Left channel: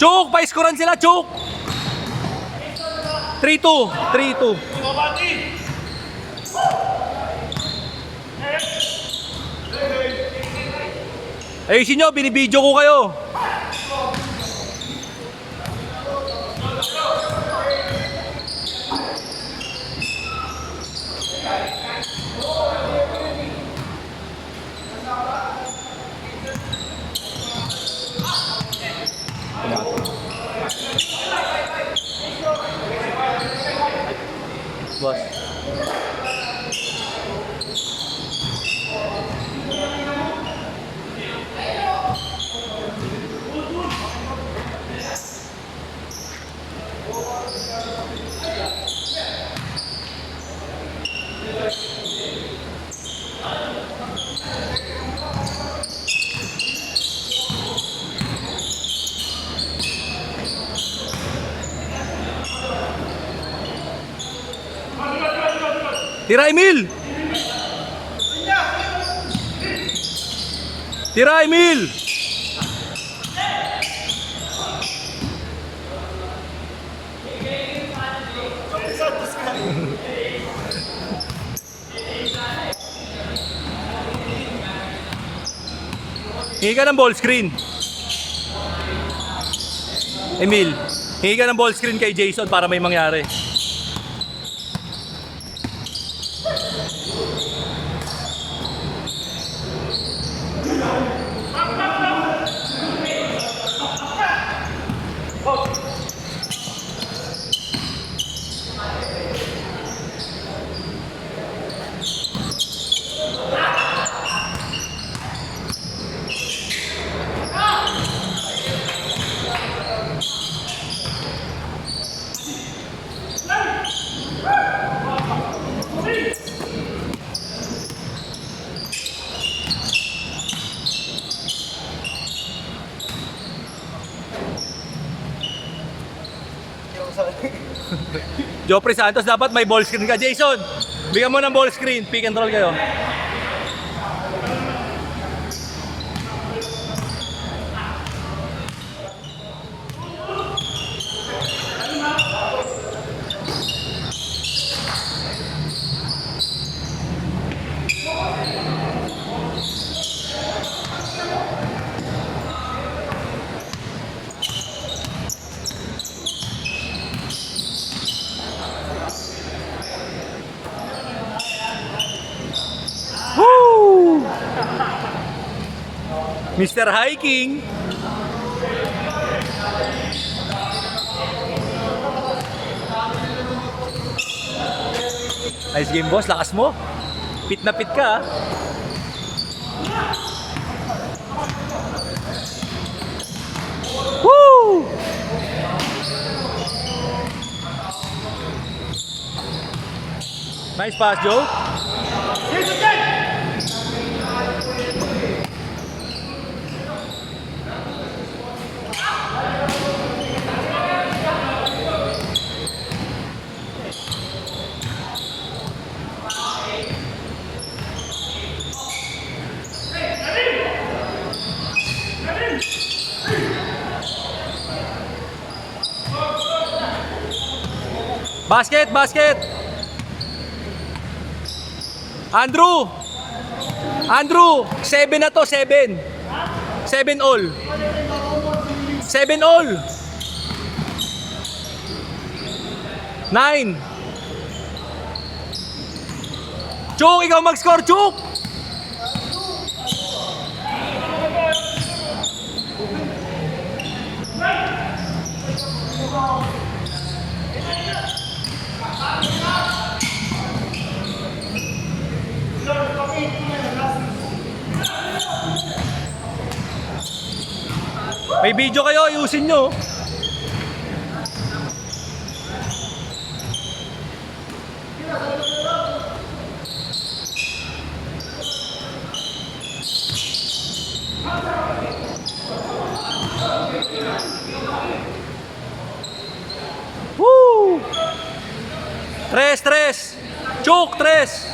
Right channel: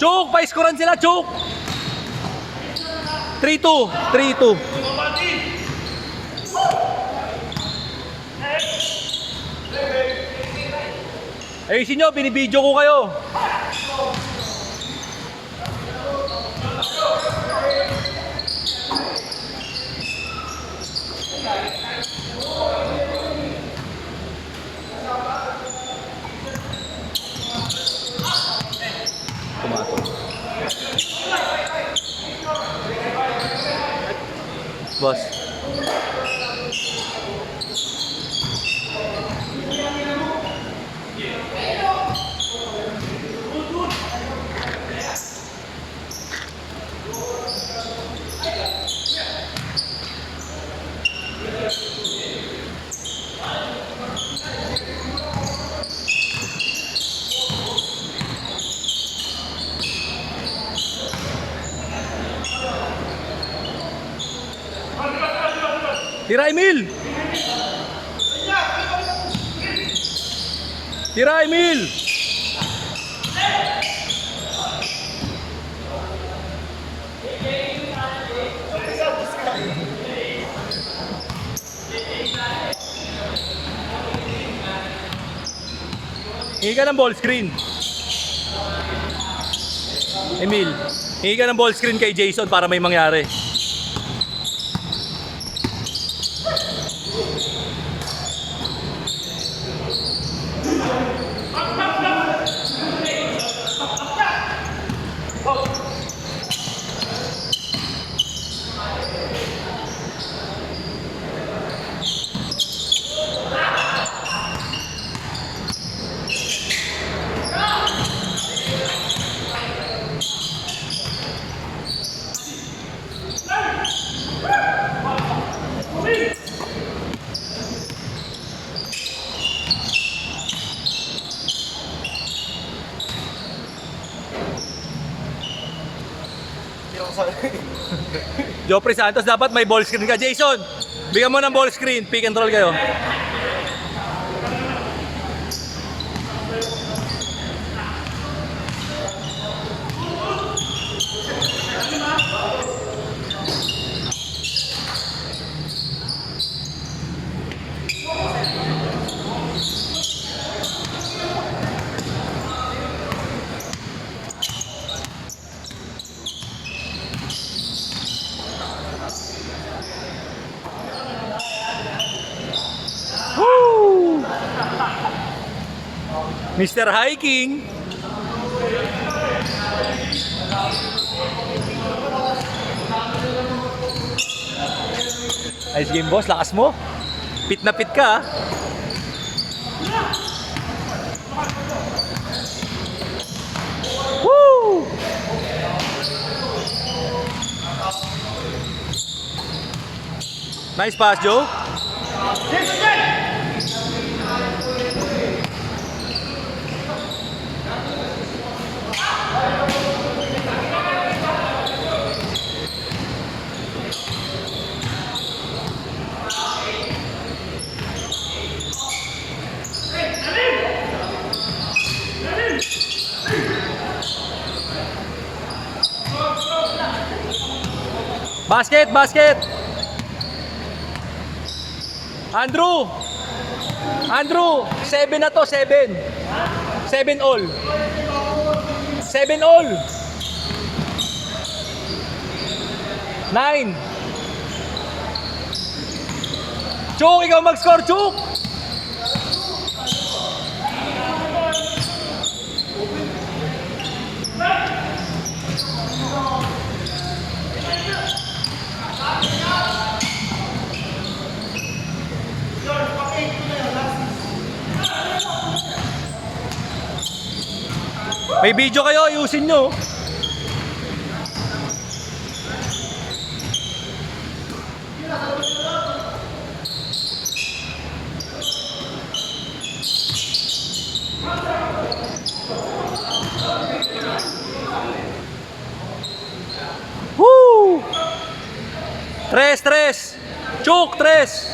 Chuk, pa-scorean sila, Chuk. 3-2, 3-2. Ayusin nyo, binibidyo ko kayo. Boss. Tira Emil! Tira Emil! Hingi ka ng ball screen. Emil, hingi ka ng ball screen kay Jason para may mangyari. Jopri Santos, dapat may ball screen ka. Jason, bigyan mo ng ball screen. Pick and roll kayo. Woo! Mr. Hiking. Nice game, boss. Lakas mo. Pit na pit ka. Woo! Nice pass, Joe. Basket, basket. Andrew. Andrew, 7 na to, 7. 7 all. 7 all. 9. Chuk, ikaw mag-score, Chuk. May video kayo, ayusin nyo. Woo! Tres, tres. Chuk, tres.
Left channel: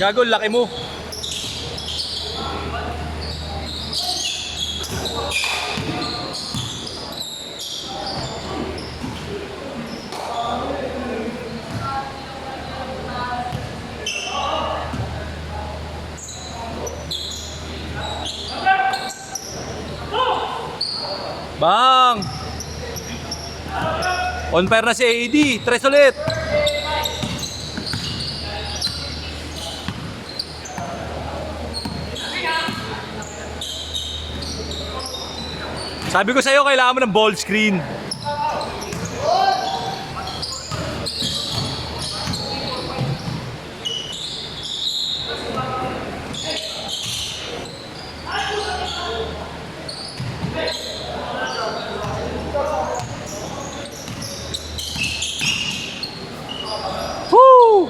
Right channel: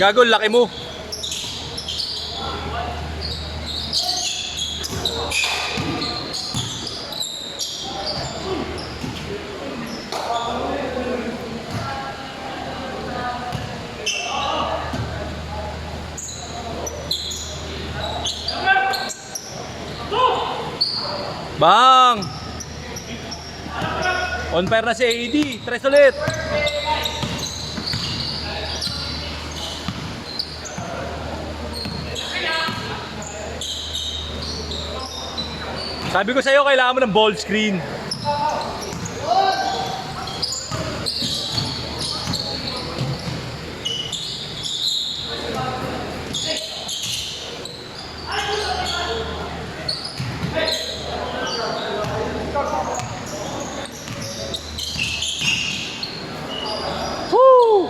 Gago, laki mo. Bang! On fire na si AD. Tres ulit. Sabi ko sa'yo, kailangan mo ng ball screen. Woo!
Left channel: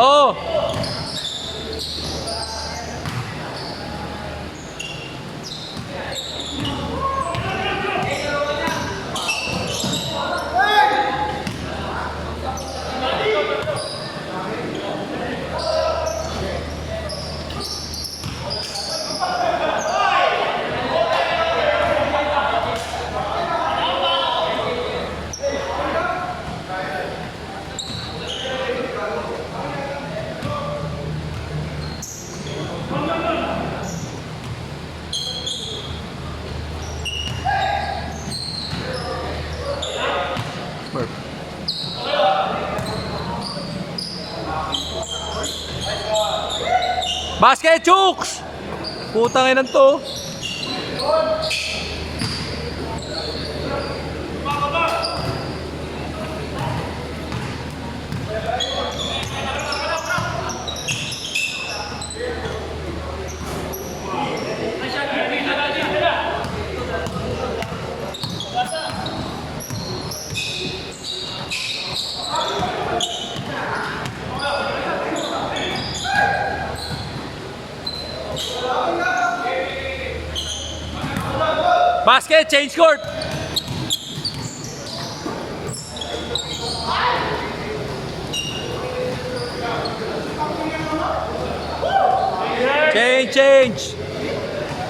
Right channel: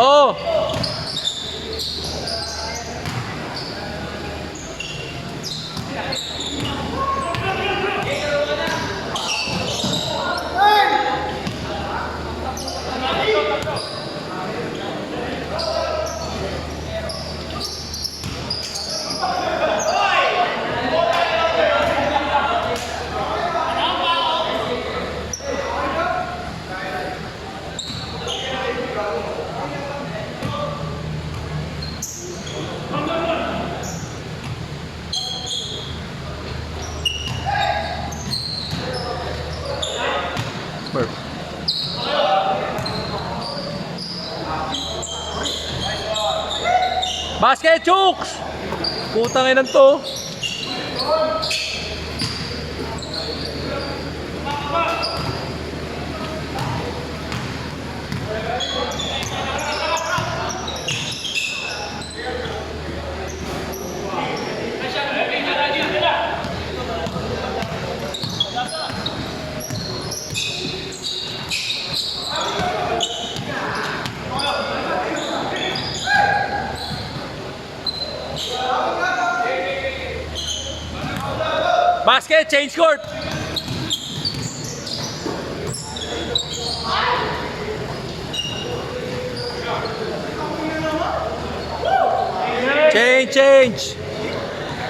Oh! Basket, Chooks! Putang ina to. Basket, change court. Change.